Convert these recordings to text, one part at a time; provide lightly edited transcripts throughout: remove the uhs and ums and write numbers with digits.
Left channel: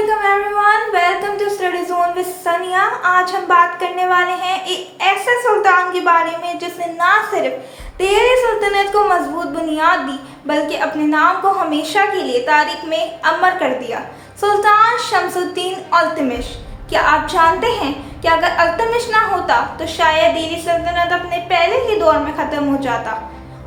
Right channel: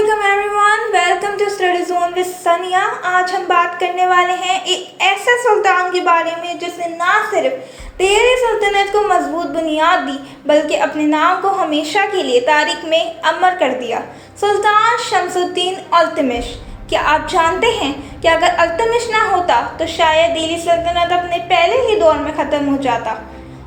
वालेकुम everyone, welcome to study zone with Sania. आज हम बात करने वाले हैं एक ऐसे सुल्तान के बारे में जिसने ना सिर्फ दिल्ली सल्तनत को मजबूत बुनियाद दी बल्कि अपने नाम को हमेशा के लिए तारीख में अमर कर दिया। सुल्तान शमसुद्दीन इल्तुतमिश। क्या आप जानते हैं कि अगर इल्तुतमिश ना होता तो शायद दिल्ली सल्तनत अपने पहले ही दौर में ख़त्म हो जाता।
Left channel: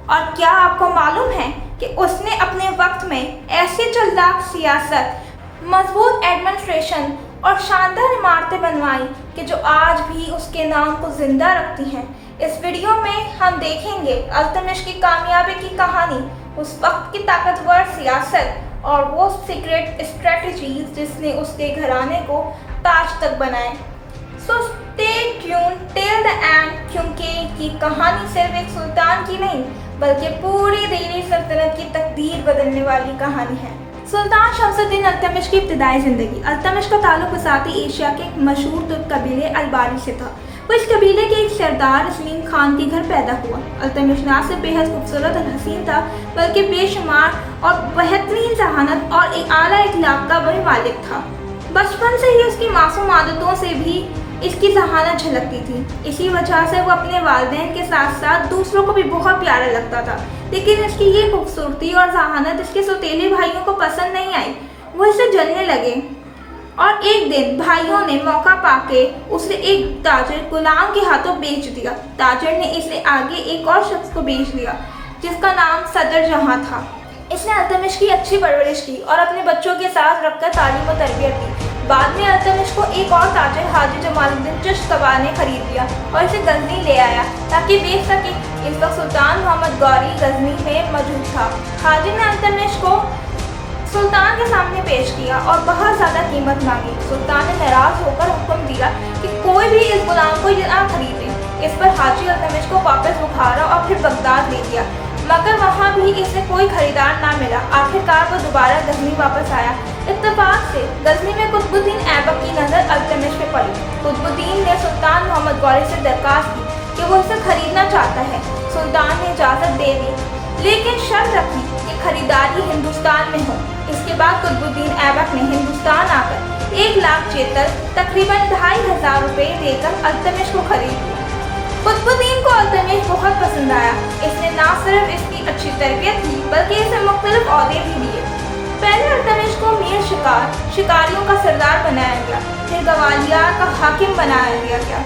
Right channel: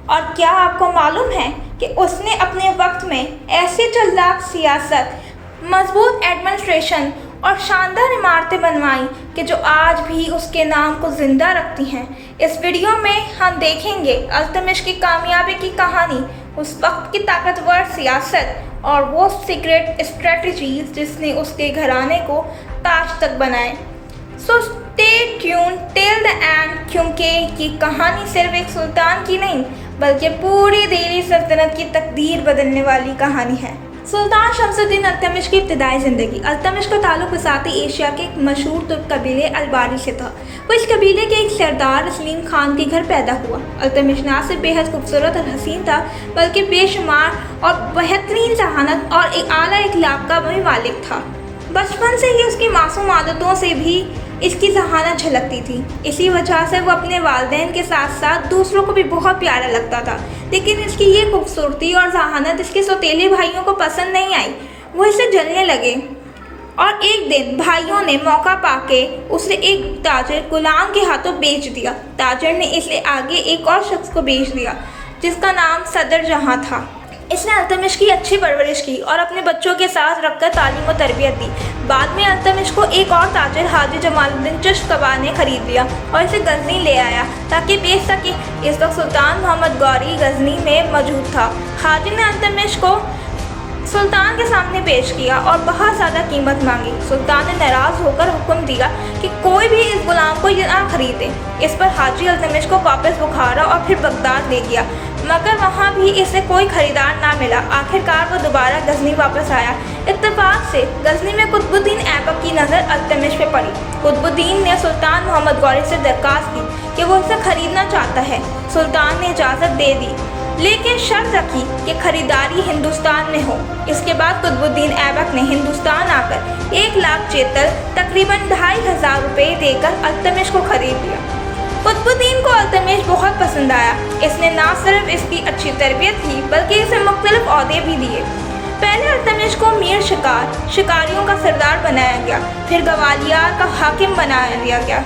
और क्या आपको मालूम है कि उसने अपने वक्त में ऐसी चालाक सियासत, मजबूत एडमिनिस्ट्रेशन और शानदार इमारतें बनवाई कि जो आज भी उसके नाम को ज़िंदा रखती हैं। इस वीडियो में हम देखेंगे इल्तुतमिश की कामयाबी की कहानी, उस वक्त की ताकतवर सियासत और वो सीक्रेट स्ट्रेटजीज जिसने उसके घराने को ताज तक बनाए। So stay tune till the end, क्योंकि ये कहानी सिर्फ एक सुल्तान की नहीं बल्कि पूरी दिल्ली सल्तनत की तकदीर बदलने वाली कहानी है। सुल्तान शमसुद्दीन इल्तुतमिश की इब्तदाई ज़िंदगी। इल्तुतमिश का ताल्लुक वसाती एशिया के एक मशहूर तुर्क कबीले अलबारी से था। वो इस कबीले के एक सरदार सलीम खान के घर पैदा हुआ। इल्तुतमिश ना सिर्फ बेहद खूबसूरत और हसीन था बल्कि बेशुमार और बेहतरीन जहानत और एक आला इखलाक का भी मालिक था। बचपन से ही उसकी मासूम आदतों से भी इसकी जहानत झलकती थी। इसी वजह से वो अपने वालिदैन के साथ साथ दूसरों को भी बहुत प्यारा लगता था। लेकिन इसकी ये खूबसूरती और जहानत इसके सौतेले भाइयों को पसंद नहीं आई। वो इसे जलने लगे और एक दिन भाइयों ने मौका पाके उसे एक ताजिर गुलाम के हाथों बेच दिया। ताजिर ने इसे आगे एक और शख्स को बेच दिया जिसका नाम सदर जहां था। इसने इल्तुतमिश की अच्छी परवरिश की और अपने बच्चों के साथ रखकर तालीम और तरबियत दी। बाद में इल्तुतमिश को एक और ताजिर हाजी जमालुद्दीन चिश्तवाड़ ने खरीद लिया और इसे गजनी ले आया ताकि बेच सके। इस वक्त सुल्तान मोहम्मद गौरी गजनी में मौजूद था। हाजी ने इल्तुतमिश को सुल्तान के सामने पेश किया और बहुत ज़्यादा कीमत मांगी। सुल्तान ने नाराज़ होकर हुक्म दिया कि कोई भी इस गुलाम को ना खरीदे। इस पर हाजी इल्तुतमिश को वापस बुखारा और फिर बगदाद ले गया, मगर वहाँ भी इसे कोई खरीदार ना मिला। आखिरकार वो दोबारा गजनी वापस आया। इत्तेफाक से गजनी में कुतुबुद्दीन ऐबक की नज़र इल्तुतमिश पे पड़ी। कुतुबुद्दीन ने सुल्तान मोहम्मद गौरी से दरख्वास्त की कि वो इसे खरीदना चाहता है। सुल्तान ने इजाज़त दे दी लेकिन शर्त रखी कि खरीदारी हिंदुस्तान में हो। इसके बाद कुतुबुद्दीन ऐबक ने हिंदुस्तान आकर 1 लाख चेतल तकरीबन 2500 रुपये देकर इल्तुतमिश को खरीद लिया। कुतुबुद्दीन को इल्तुतमिश बहुत पसंद आया। इसने ना सिर्फ इसकी अच्छी तरबियत की बल्कि इसे मुख्तलिफ ओहदे भी दिए। पहले इल्तुतमिश को मीर शिकारियों का सरदार बनाया गया, फिर गवालियर का हाकिम बनाया गया।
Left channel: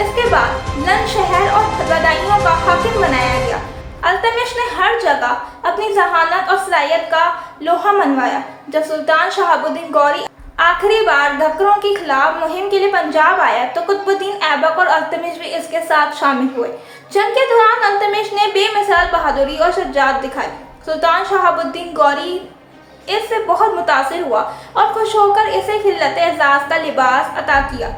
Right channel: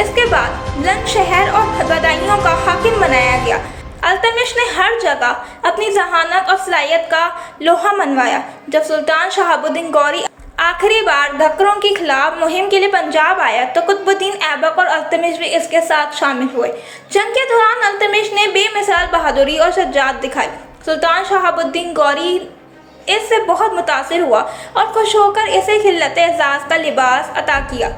इसके बाद बुलंद शहर और गदाइयों का हाकिम बनाया गया। इल्तुतमिश ने हर जगह अपनी जहानत और सलाहियत का लोहा मनवाया। जब सुल्तान शहाबुद्दीन गौरी आखिरी बार घकरों के खिलाफ मुहिम के लिए पंजाब आया तो कुतुबुद्दीन ऐबक और इल्तुतमिश भी इसके साथ शामिल हुए। जंग के दौरान इल्तुतमिश ने बेमिसाल बहादुरी और शजाअत दिखाई। सुल्तान शहाबुद्दीन गौरी इससे बहुत मुतासिर हुआ और खुश होकर इसे खिलत-ए-एज़ाज़ का लिबास अता किया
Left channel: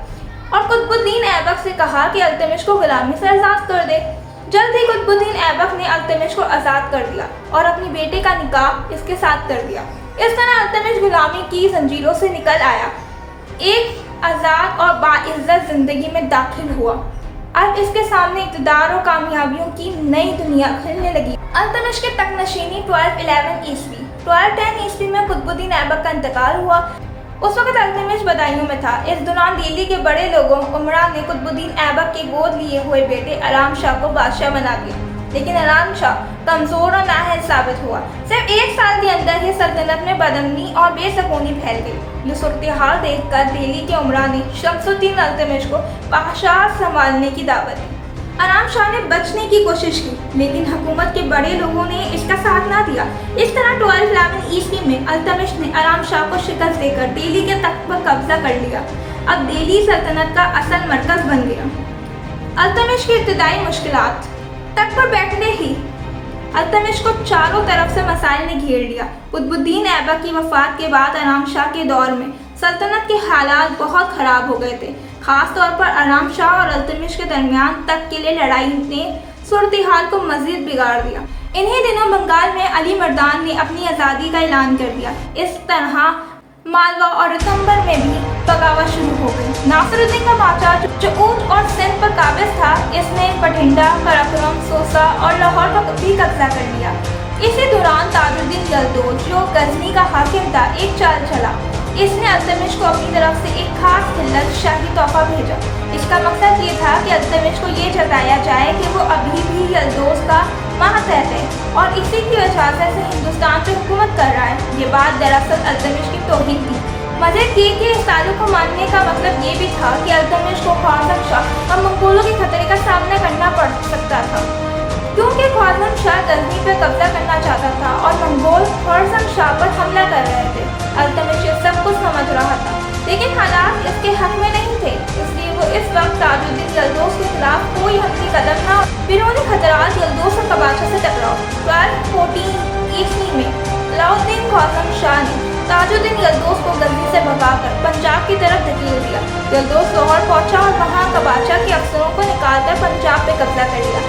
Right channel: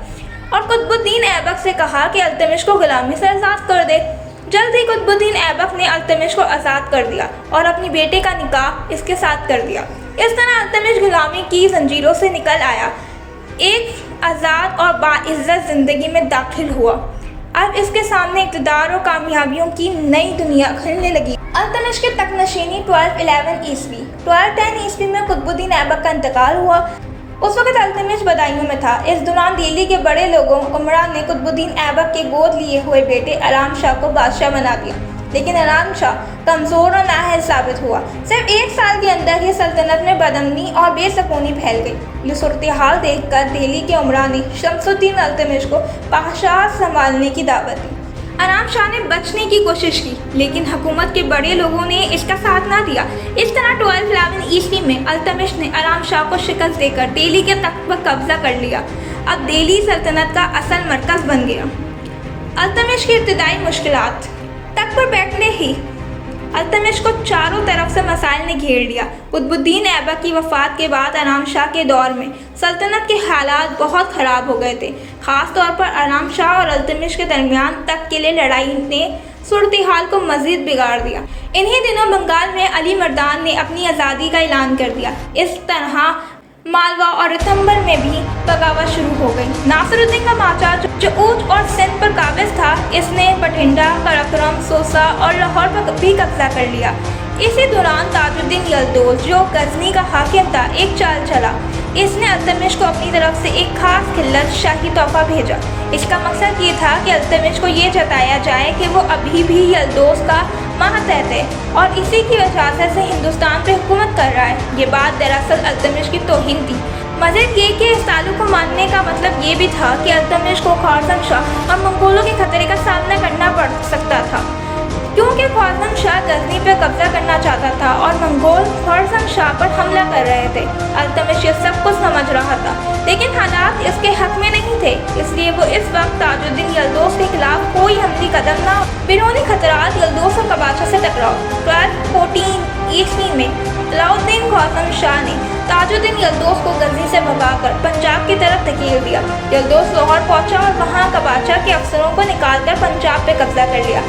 और कुतुबुद्दीन ऐबक से कहा कि इल्तुतमिश को गुलामी से आज़ाद कर दे। जल्द ही कुतुबुद्दीन ऐबक ने इल्तुतमिश को आज़ाद कर दिया और अपनी बेटे का निकाह इसके साथ कर दिया। इस तरह इल्तुतमिश गुलामी की जंजीरों से निकल आया, एक आज़ाद और बाइज़्ज़त ज़िंदगी में दाखिल हुआ। अब इसके सामने इक़्तिदार और कामयाबियों की नई दुनिया खुलने लगी। इल्तुतमिश के तख्तनशीनी 1211 ईस्वी 1210 ईस्वी में कुतुबुद्दीन ऐबक का इंतकाल हुआ। उस वक्त इल्तुतमिश बदायूं में था। इस दौरान दिल्ली के बड़े लोगों उमरा ने कुतुबुद्दीन ऐबक के गोद लिए हुए बेटे आराम शाह को बादशाह बना दिया, लेकिन आराम शाह कमज़ोर और नाअहल साबित हुआ। सिर्फ 1 साल के अंदर ही सल्तनत में बदअमनी और बेसकूनी फैल गई। ये सूरत हाल देख कर दिल्ली के उमरा ने शमसुद्दीन इल्तुतमिश को बादशाह संभालने की दावत दी। आराम शाह ने बचने की कोशिश की लेकिन हुकूमत के बड़े लोगों ने इसका साथ ना दिया। इस तरह 1211 ईस्वी में इल्तुतमिश ने आराम शाह को शिकस्त देकर दिल्ली के तख्त पर कब्जा कर लिया। अब दिल्ली सल्तनत का असल मरकज़ बन गया। इल्तुतमिश की इब्तदाई मुश्किलात। तख्त पर बैठने ही इल्तुतमिश को चारों तरफ से मसाइल ने घेर लिया। कुतुबुद्दीन ऐबक की वफ़ात के बाद आराम शाह के दौर में सल्तनत के हालात बहुत ख़राब हो गए थे। ख़ास तौर पर आराम शाह और इल्तुतमिश के दरमियान तख्त के लिए लड़ाई ने सूरत हाल को मज़ीद बिगाड़ दिया। इन्हीं दिनों बंगाल में अली मर्दान ने अपनी आज़ादी का ऐलान कर दिया। इस तरह मालवा और रितंबर में भी बगावत शुरू हो गई। नासिरुद्दीन का माचा जो ऊँट और सिंध पर काबिज था, इसने बठिंडा, कराकोरम, सोसा और लाहौर पर भी कब्जा कर लिया। इसी दौरान ताजुद्दीन यलदौज जो गजनी का हाकिम था, एक चाल चला। इसने अल्तमिश को अपनी तरफ से एक खास खिल्लत शाही तोहफा भेजा। इसका मकसद ये था कि अल्तमिश को ये जताया जाए कि वो अभी भी यल्दोस का मातहत है और इसी की वजह से हिंदुस्तान पे हुकूमत कर रहा है। ये बात दरअसल अल्तमिश की तौहीन थी। मज़ीद ये कि इस ताल्लुक़ को मानने का मतलब ये भी था कि अल्तमिश को ख्वारज़म शाह और मंगोलों के खतरे का सामना करना पड़ सकता था, क्योंकि ख्वारज़म शाह गजनी पर कब्जा करना चाहता था और मंगोल ख्वारज़म शाह पर हमला कर रहे थे। अल्तमिश ये सब कुछ समझ रहा था, लेकिन हालात इसके हक में नहीं थे, इसलिए वो इस वक्त ताजुद्दीन यल्दोस के खिलाफ कोई हमली कदम न। बिरूनी खतरात यल्दोस और कबाचा से टकराव। 1214 ईस्वी में अलाउद्दीन ख्वारज़म शाह ने ताजुद्दीन यल्दोस को गजनी से भगाकर पंजाब की तरफ धकेल दिया। यल्दोस लाहौर पहुंचा और वहां कबाचा के अफसरों को निकालकर पंजाब पे कब्जा कर लिया।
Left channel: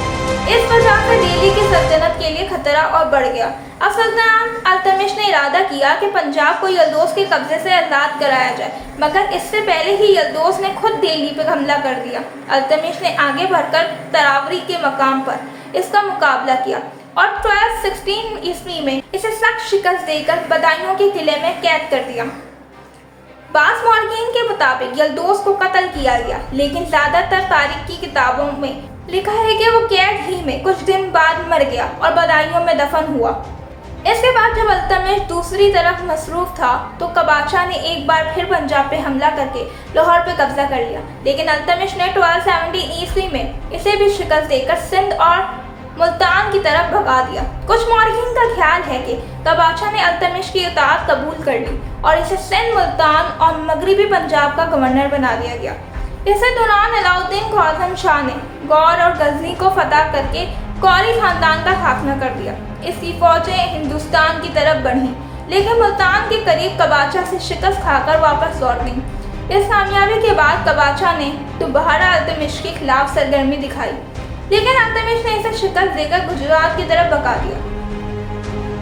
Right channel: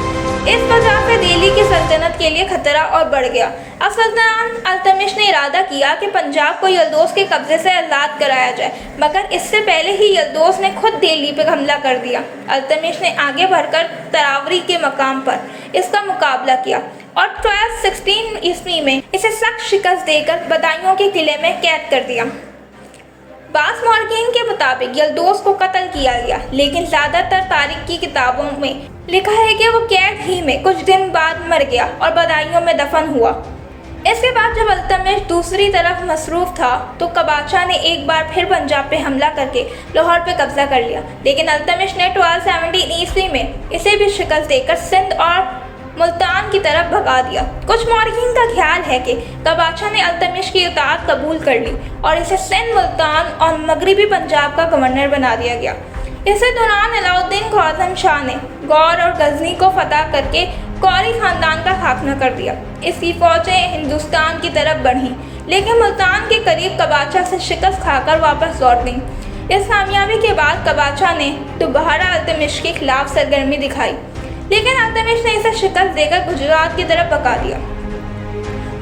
इस वजह से दिल्ली की सल्तनत के लिए खतरा और बढ़ गया। अब सुल्तान अल्तमिश ने इरादा किया कि पंजाब को यल्दोस के कब्जे से आज़ाद कराया जाए, मगर इससे पहले ही यल्दोस ने खुद दिल्ली पर हमला कर दिया। अल्तमिश ने आगे बढ़कर तरावरी के मकाम पर इसका मुकाबला किया और 1216 ईस्वी में इसे सख्त शिकस्त देकर बदायूं के किले में कैद कर दिया। बास मौरखीन के मुताबिक यल्दोस को कत्ल किया गया, लेकिन ज़्यादातर तारीख की किताबों में लिखा है कि वो कैद ही में कुछ दिन बाद मर गया और बदायूं में दफन हुआ। इसके बाद जब अल्तमिश दूसरी तरफ मसरूफ़ था तो कबाचा ने एक बार फिर पंजाब पे हमला करके लाहौर पे कब्जा कर लिया, लेकिन अल्तमिश ने 1217 ईस्वी में इसे भी शिकस्त देकर सिंध और मुल्तान की तरफ भगा दिया। कुछ मौरखीन का ख्याल है कि कबाचा ने अल्तमिश की इताअत कबूल कर ली और इसे सिंध, मुल्तान और मगरबी पंजाब का गवर्नर बना दिया गया। इसी दौरान अलाउद्दीन ख्वारज़म शाह ने गौर और गजनी को फतह करके कौरी खानदान का खात्मा कर दिया। इसकी फौजें हिंदुस्तान की तरफ बढ़ीं, लेकिन मुल्तान के करीब कबाचा से शिकस्त खाकर वापस लौट गईं। इस कामयाबी के बाद कबाचा ने दोबारा अल्तमिश के खिलाफ सरगर्मी दिखाई, लेकिन अल्तमिश ने इसे शिकस्त देकर गुजरात की तरफ भगा दिया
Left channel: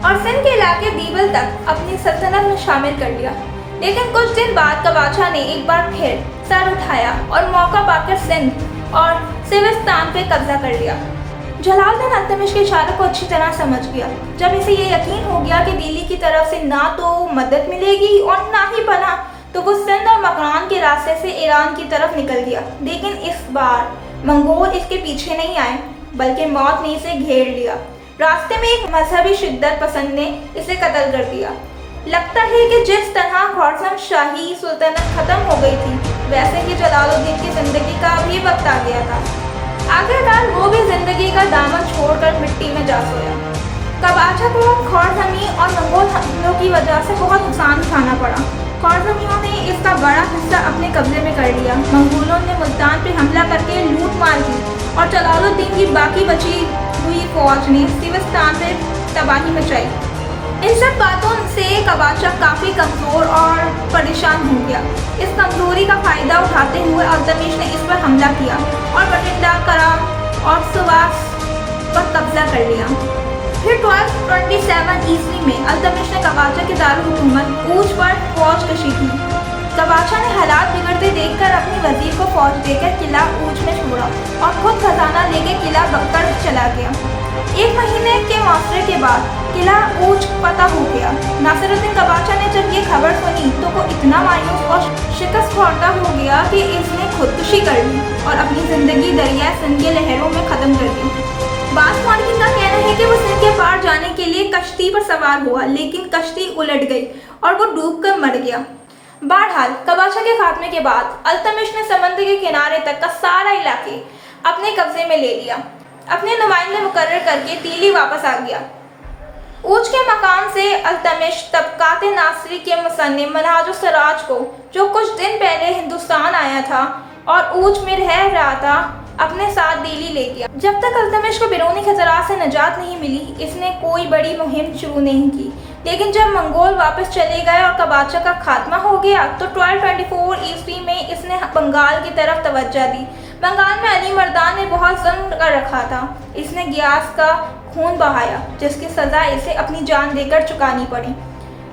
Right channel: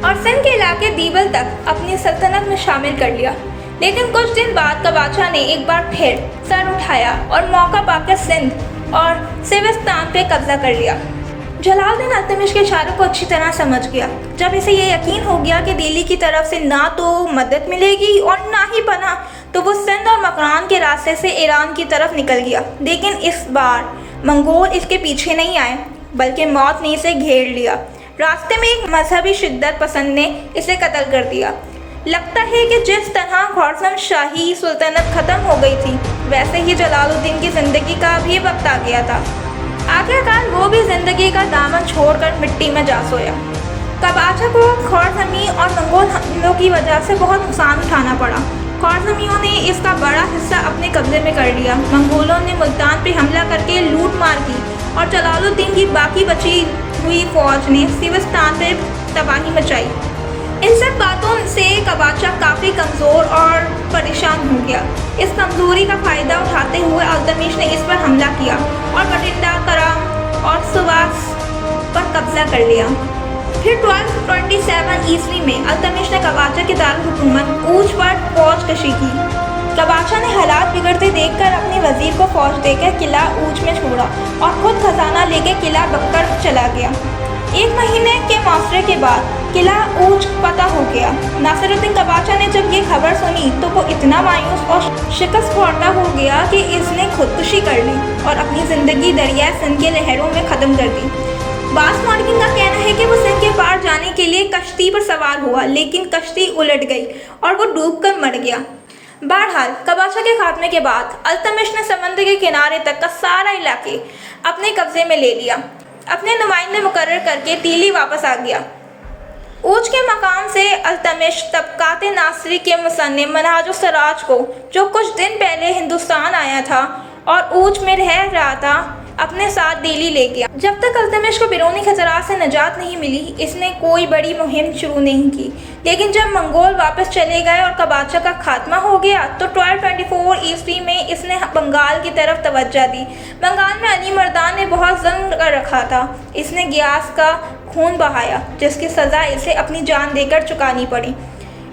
और सिंध के इलाके दीवल तक अपनी सल्तनत में शामिल कर लिया। लेकिन कुछ दिन बाद कबाचा ने एक बार फिर सर उठाया और मौका पाकर सिंध और सिविस्तान पे कब्जा कर लिया। जलालुद्दीन अल्तमिश के इशारे को अच्छी तरह समझ गया। जब इसे ये यकीन हो गया कि दिल्ली की तरफ से ना तो मदद मिलेगी और ना ही पनाह, तो वो सिंध और मकरान के रास्ते से ईरान की तरफ निकल गया। लेकिन इस बार मंगोल इसके पीछे नहीं आए, बल्कि मौत ने इसे घेर लिया। रास्ते में एक मजहबी शिद्दत पसंद ने इसे कत्ल कर दिया। लगता है कि जिस तरह ख्वारज़म शाही सुल्तानत ख़त्म हो गई थी, वैसे ही जलालुद्दीन की ज़िंदगी का भी वक्त आ गया था। आखिरकार वो भी ज़िंदगी का दामन छोड़कर मिट्टी में जा सोया। कबाचा को ख्वारज़मी और मंगोल हमलों की वजह से बहुत नुकसान उठाना पड़ा। ख्वारज़मियों ने इसका बड़ा हिस्सा अपने कब्जे में कर लिया। मंगोलों ने मुल्तान पे हमला करके लूट मार की और जलालुद्दीन की बाकी बची हुई फौज ने सिविस्तान पे तबाही मचाई। इन सब बातों से कबाचा काफ़ी कमज़ोर और परेशान हो गया। इस कमज़ोरी का फ़ायदा उठाते हुए अल्तमिश ने इस पर हमला किया और बठिंडा, कराम और सुवास पर कब्जा कर लिया। फिर 1227 ईस्वी में अल्तमिश ने कबाचा की दारुल-हुकूमत ऊज पर फौज कशी की। कबाचा ने हालात बिगड़ते देखकर अपने वजीर को फौज देकर किला ऊज में छोड़ा और खुद खजाना लेकर किला बक्कर चला गया। एक महीने के मुआवजे के बाद किला ऊज फतह हो गया। नासिरुद्दीन कबाचा ने जब ये खबर सुनी तो वो इतना मायूस और शिकस्त खोरदा हो गया कि इसने खुदकुशी कर ली और अपनी ज़िंदगी दरिया सिंध के लहरों में ख़त्म कर दी। बास मौरखीन का कहना है कि वो सिंध के पार जाने के लिए कश्ती पर सवार हुआ, लेकिन कश्ती उलट गई और वो डूबकर मर गया। बहरहाल कबाचा के खात्मे के बाद अल्तमिश ने समंदर के किनारे तक का सारा इलाके अपने कब्जे में ले लिया। अपने नुमाइंदे मुकर्रर करके दिल्ली वापस आ गया। ऊज के मकाम से अल्तमिश तबकात नासरी के मुसन्निफ मनहाजुस सराज को, जो कुछ दिन पहले हिंदुस्तान आया था और ऊज में रह रहा था, अपने साथ दिल्ली ले गया। जब तक अल्तमिश को बिरूनी खतरात से निजात नहीं मिली, इसने कोई बड़ी मुहिम शुरू नहीं की। लेकिन जब मंगोल वापस चले गए और कबाचा का खात्मा हो गया तो 1224 ईस्वी में इसने बंगाल की तरफ तवज्जो दी। बंगाल में अली मर्दान ने बहुत ज़ंग कर रखा था। इसने गियास का खून बहाया, जिसकी सज़ा इसे अपनी जान देकर चुकानी पड़ी।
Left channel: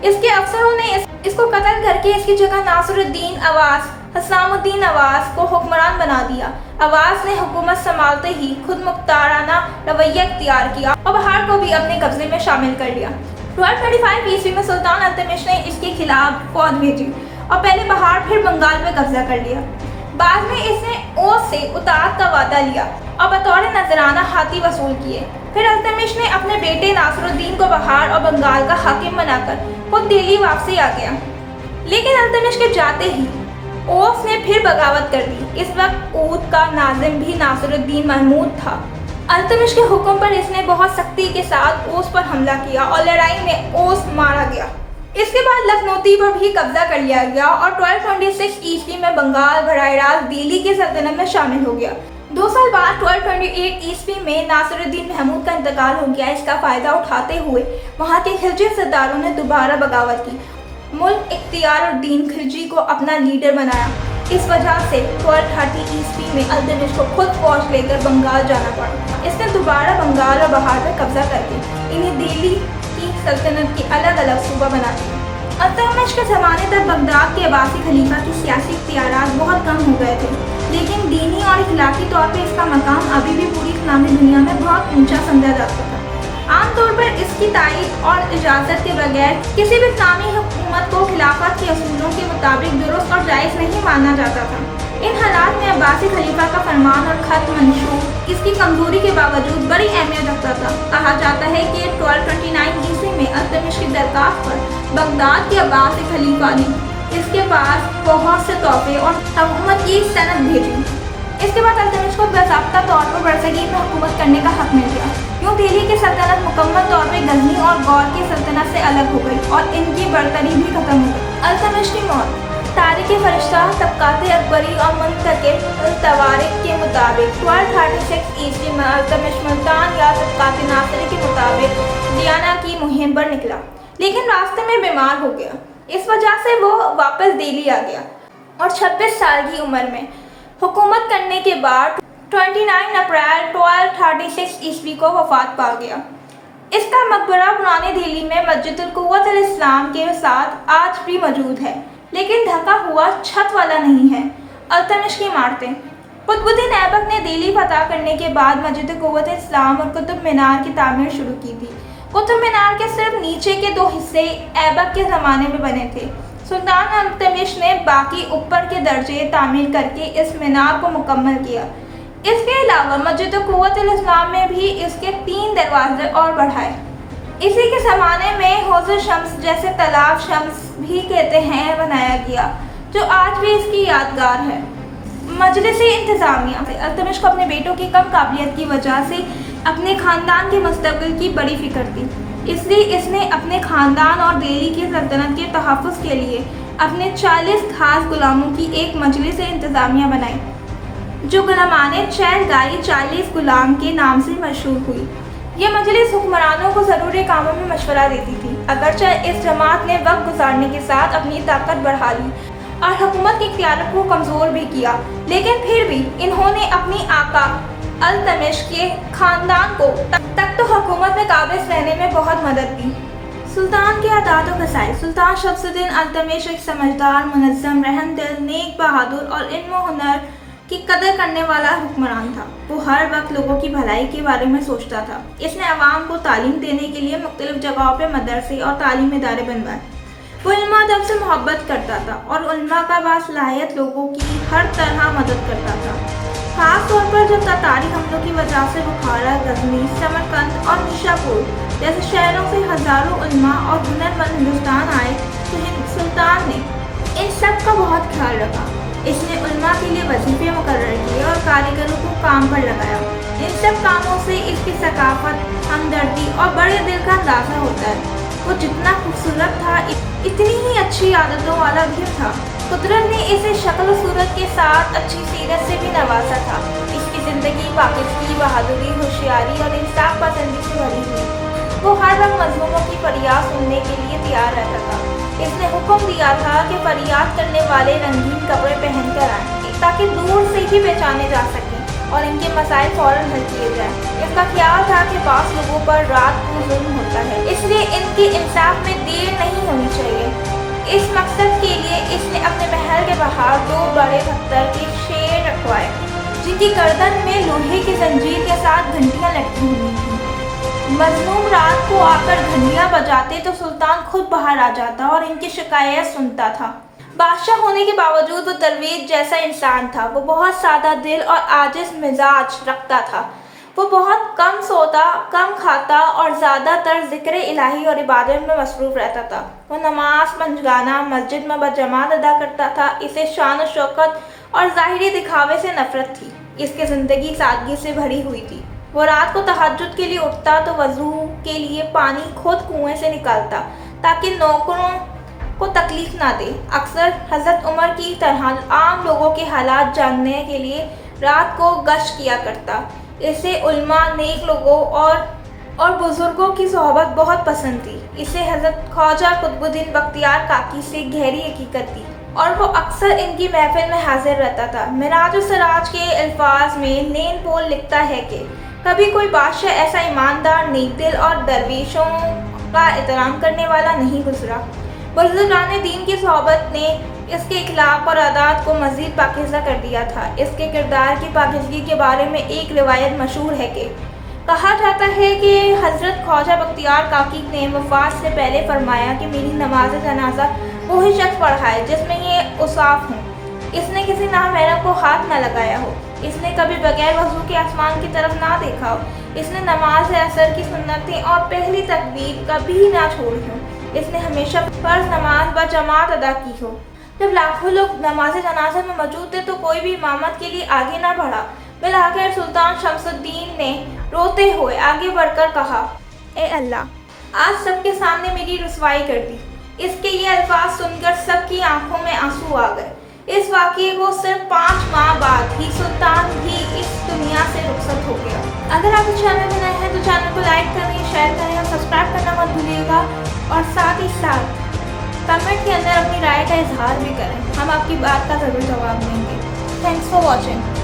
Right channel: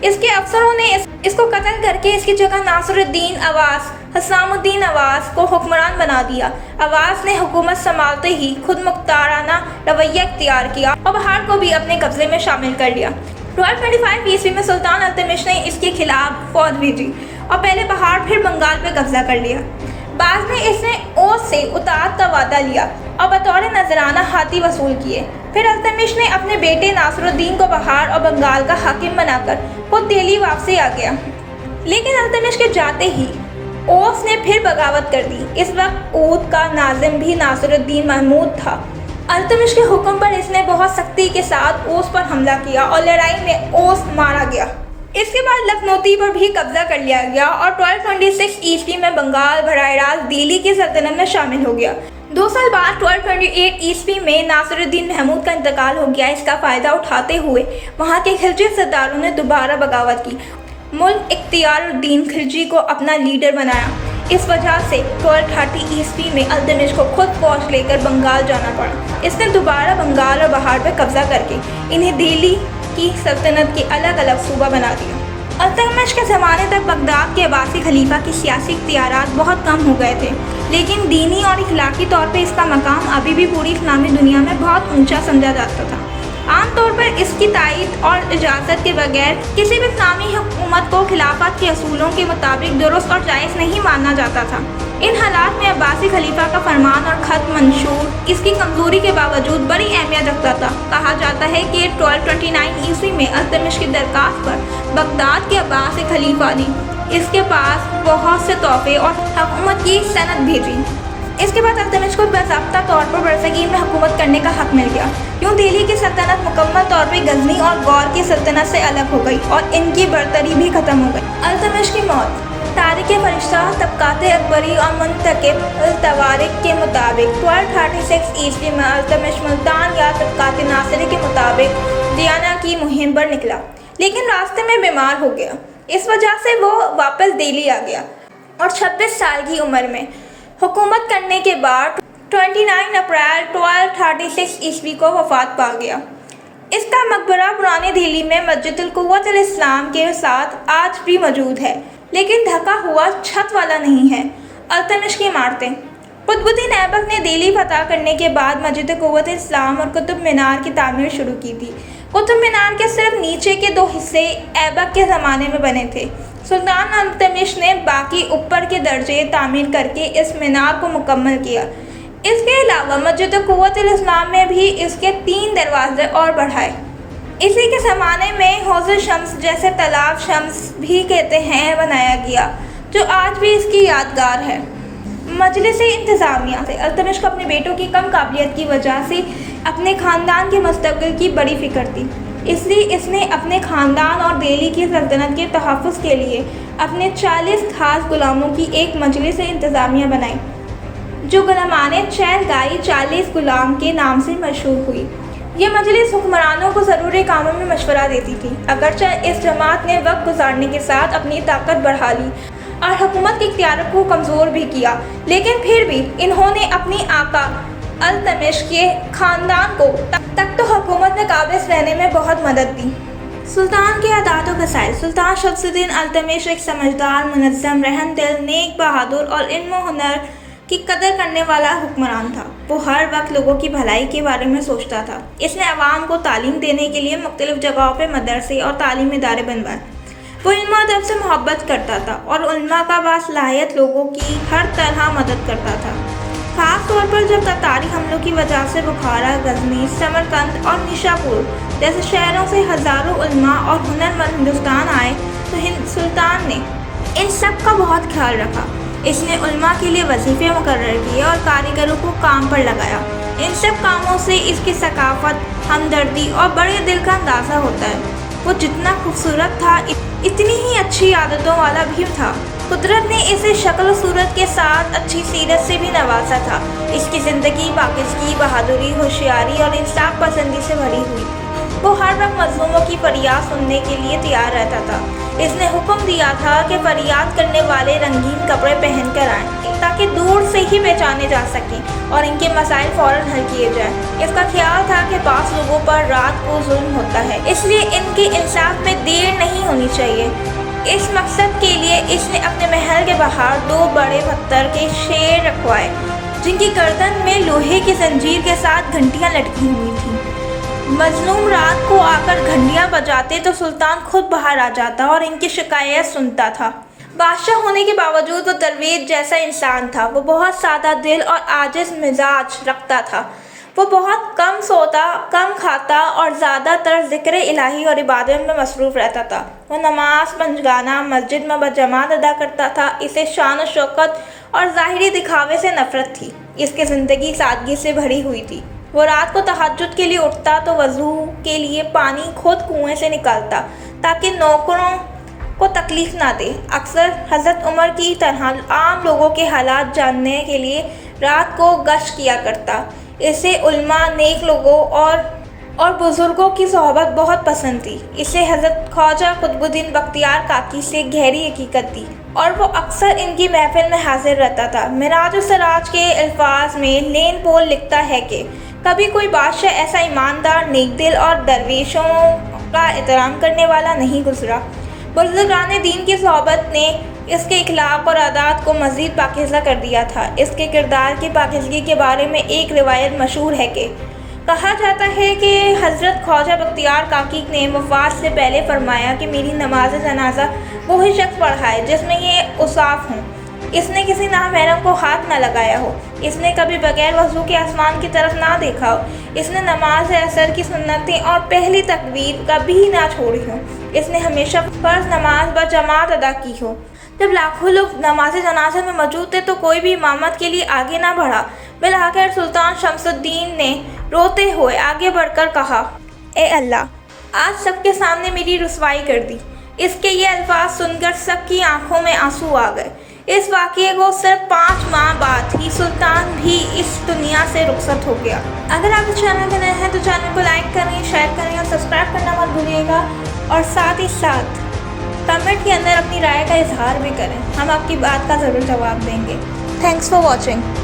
इसके अफसरों ने इसको कत्ल करके इसकी जगह नासिरुद्दीन अवास, हसामुद्दीन अवास को हुक्मरान बना दिया। अवास ने हुकूमत संभालते ही खुद मुख्ताराना रवैया इख्तियार किया और बहार को भी अपने कब्जे में शामिल कर लिया। 1225 ء میں سلطان التمش نے اس کے خلاف فوج بھیجی اور پہلے پہاڑ پھر بنگال پہ قبضہ کر لیا۔ بعد میں اس نے اوس سے اطاعت کا وعدہ لیا اور بطور نذرانہ ہاتھی وصول کیے۔ پھر التمش نے اپنے بیٹے ناصر الدین کو بہار اور بنگال کا حاکم بنا کر خود دہلی واپسی آ گیا، لیکن التمش کے جاتے ہی اوس نے پھر بغاوت کر دی۔ اس وقت اودھ کا ناظم بھی ناصر الدین محمود تھا۔ التمش کے حکم پر اس نے بہت سختی کے ساتھ اوس پر حملہ کیا اور لڑائی میں اوس مارا گیا۔ اس کے بعد لکھنوتی پر بھی قبضہ کر لیا گیا اور 1226 عیسوی میں بنگال براہ راست دہلی کی سلطنت میں شامل ہو گیا۔ 2 سال بعد 1228 عیسوی میں ناصر الدین محمود کا انتقال ہو گیا۔ اس کا فائدہ اٹھاتے ہوئے وہاں کے خلجی سرداروں نے دوبارہ بغاوت کی، ملک اختیار الدین خلجی کو اپنا لیڈر بنایا۔ اس وجہ سے 1230 عیسوی میں التمش کو خود فوج لے کر بنگال جانا پڑا۔ اس نے دوبارہ بنگال اور بہار پر قبضہ کر کے انہیں دہلی کی سلطنت کے الگ الگ صوبہ بنا دیا۔ التمش کے زمانے تک بغداد کے عباسی خلیفہ کی سیاسی اختیارات بہت کم ہو گئے تھے، لیکن دینی اور اخلاقی طور پہ اس کا مقام ابھی بھی پوری اسلامی دنیا میں بہت اونچا سمجھا جاتا تھا۔ عام طور پر اس کی تائید اور اجازت کے بغیر کسی بھی اسلامی حکومت کو خلافت کے اصولوں کے مطابق درست اور جائز نہیں مانا جاتا تھا۔ ان حالات میں عباسی خلیفہ کا فرمان اور خط منشور اس کی کمزوری کے باوجود بڑی اہمیت رکھتا تھا۔ کہا جاتا ہے کہ 1229 عیسوی میں التمش کی درخواست پر بغداد کے عباسی خلیفہ نے اس کے پاس بہت سے تحفے اور حکومت کی سند بھیجی۔ اس کے بعد التمش کو باضابطہ طور پر برصغیر میں حکومت کرنے کا حق مل گیا۔ یوں دہلی کی سلطنت مکمل طور پر غزنی اور غور کی سلطنت سے الگ ہو گئی اور ان کی برتری بھی ختم ہو گئی۔ التمش کی موت۔ تاریخ فرشتہ طبقات اکبری اور منتخب التوارق کے مطابق 1236 عیسوی میں التمش ملتان یا طبقات ناصری کے مطابق دیانہ کی مہم پر نکلا، لیکن راستے میں بیمار ہو گیا۔ اس وجہ سے وہ واپس دہلی آ گیا اور 26 سال کی عمر میں حکومت کرنے کے بعد 29 اپریل 1236 عیسوی کو وفات پا گیا۔ اس کا مقبرہ پرانی دہلی میں مسجد القوت الاسلام کے ساتھ آج بھی موجود ہے، لیکن ڈھکا ہوا چھت والا نہیں ہے۔ التمش کی عمارتیں۔ قطب الدین ایبک نے دہلی فتح کرنے کے بعد مسجد قوت اسلام اور قطب مینار کی تعمیر شروع کی تھی۔ قطب مینار کے صرف نیچے کے 2 حصے ایبک کے زمانے میں بنے تھے۔ سلطان التمش نے باقی اوپر کے درجے تعمیر کر کے اس مینار کو مکمل کیا۔ اس کے علاوہ مسجد قوت الاسلام میں بھی اس کے 3 دروازے اور بڑھائے۔ اسی کے زمانے میں حوض شمس، جسے تالاب شمس بھی کہتے ہیں، بنایا گیا، جو آج بھی اس کی یادگار ہے۔ مجلس انتظامیہ سے التمش کو اپنے بیٹوں کی کم قابلیت کی وجہ سے اپنے خاندان کے مستقبل کی بڑی فکر تھی، اس لیے اس نے اپنے خاندان اور دہلی کی سلطنت کے تحفظ کے لیے اپنے 40 خاص غلاموں کی ایک مجلس انتظامیہ بنائی، جو غلامان چہلگائی 40 غلام کے نام سے مشہور ہوئی۔ یہ مجلس حکمرانوں کو ضروری کاموں میں مشورہ دیتی تھی۔ اگرچہ اس جماعت نے وقت گزارنے کے ساتھ اپنی طاقت بڑھا لی اور حکومت کی اختیارات کو کمزور بھی کیا، لیکن پھر بھی انہوں نے اپنی آقا التمش کے خاندان کو تخت و حکومت میں قابض رہنے میں بہت مدد دی۔ سلطان کے عادات و خصائص۔ سلطان شمس الدین التمش ایک سمجھدار، منظم، رحم دل، نیک، بہادر اور علم و ہنر کی قدر کرنے والا حکمران تھا۔ وہ ہر وقت لوگوں کی بھلائی کے بارے میں سوچتا تھا۔ اس نے عوام کو تعلیم دینے کے لیے مختلف جگہوں پہ مدرسے اور تعلیمی ادارے بنوائے۔ وہ علم و ادب سے محبت کرتا تھا اور علماء کا باصلاحیت لوگوں کی ہر طرح مدد کرتا تھا۔ خاص طور پر جب تاتاری حملوں کی وجہ سے بخارا، غزنی، سمرقند اور نیشاپور جیسے شہروں سے ہزاروں علماء اور ہنرمند ہندوستان آئے تو سلطان نے ان سب کا بہت خیال رکھا۔ اس نے علماء کے لیے وظیفے مقرر کیے اور کاریگروں کو کام پر لگایا۔ ان سب کاموں سے اس کی ثقافت، ہمدردی اور بڑے دل کا اندازہ ہوتا ہے۔ وہ جتنا خوبصورت تھا، اتنی ہی اچھی عادتوں والا بھی تھا۔ قدرت نے اسے شکل و صورت کے ساتھ اچھی سیرت سے بھی نوازا تھا۔ اس کی زندگی پاکیزگی، بہادری، ہوشیاری اور انصاف پسندی سے بھری ہوئی۔ وہ ہر وقت مظلوموں کی فریاد سننے کے لیے تیار رہتا تھا۔ اس نے حکم دیا تھا کہ فریاد کرنے والے رنگین کپڑے پہن کر آئیں تاکہ دور سے ہی پہچانے جا سکیں اور ان کے مسائل فوراً حل کیے جائیں۔ اس کا خیال تھا کہ بعض لوگوں پر رات کو ظلم ہوتا ہے، اس لیے ان کے انصاف میں دیر نہیں ہونی چاہیے۔ اس مقصد کے لیے اس نے اپنے محل کے باہر 2 بڑے پتھر کے شیر رکھوائے، جن کی گردن میں لوہے کی زنجیر کے ساتھ گھنٹیاں لٹکی ہوئی تھیں۔ مظلوم رات کو آ کر گھنٹیاں بجاتے تو سلطان خود باہر آ جاتا اور ان کی شکایت سنتا تھا۔ بادشاہ ہونے کے باوجود وہ درویش جیسا انسان تھا۔ وہ بہت سادہ دل اور عاجز مزاج رکھتا تھا۔ وہ بہت کم سوتا، کم کھاتا اور زیادہ تر ذکر الہی اور عبادت میں مصروف رہتا تھا۔ وہ نماز پنجگانہ مسجد میں بجماعت ادا کرتا تھا۔ اسے شان و شوکت اور ظاہری دکھاوے سے نفرت تھی۔ اس کی زندگی سادگی سے بھری ہوئی تھی۔ وہ رات کو تہجد کے لیے اٹھتا تو وضو کے لیے پانی خود کنویں سے نکالتا تاکہ نوکروں کو تکلیف نہ دے۔ اکثر حضرت عمر کی طرح عام لوگوں کے حالات جاننے کے لیے رات کو گشت کیا کرتا۔ اسے علماء، نیک لوگوں اور بزرگوں کی صحبت بہت پسند تھی۔ اسے حضرت خواجہ قطب الدین بختیار کاکی سے گہری عقیدت تھی اور وہ اکثر ان کی محفل میں حاضر رہتا تھا۔ معراج السراج کے الفاظ میں لین پول لکھتا ہے کہ کبھی کوئی بادشاہ ایسا ایماندار، نیک دل اور درویشوں کا احترام کرنے والا نہیں گزرا۔ بزرگان دین کی صحبت نے اس کے اخلاق اور عادات کو مزید پاکیزہ کر دیا تھا۔ اس کے کردار کی پاکیزگی کے بارے میں ایک روایت مشہور ہے کہ کہا جاتا ہے کہ حضرت خواجہ بختیار کاکی نے وفات سے پہلے فرمایا کہ میری نماز جنازہ وہی شخص پڑھائے جس میں یہ اوصاف ہوں: اس نے کسی نامحرم کو ہاتھ نہ لگایا ہو، اس نے کبھی بغیر وضو کے آسمان کی طرف نہ دیکھا ہو، اس نے نماز عصر کی سنتیں اور پہلی تکبیر کبھی نہ چھوڑی ہو، اس نے ہمیشہ فرض نماز بجماعت ادا کی ہو۔ جب لاکھوں لوگ نماز جنازہ میں موجود تھے تو کوئی بھی امامت کے لیے آگے نہ بڑھا۔ بالآخر سلطان شمس الدین نے روتے ہوئے آگے بڑھ کر کہا: اے اللہ، آج سب کے سامنے میری رسوائی کر دی۔ اس کے یہ الفاظ سن کر سب کی آنکھوں میں آنسو آ گئے۔ اس واقعے کو صرف 5 ماہ بعد ہی سلطان بھی اس دنیا سے رخصت ہو گیا۔ اگر آپ اس چینل میں نئے ہیں تو چینل کو لائک کریں، شیئر کریں اور سبسکرائب کرنا مت بھولیے گا، اور ساتھ ہی ساتھ کمنٹ کے اندر اپنی رائے کا اظہار بھی کریں۔ ہم آپ کی بات کا ضرور جواب دیں گے۔ Thanks for watching.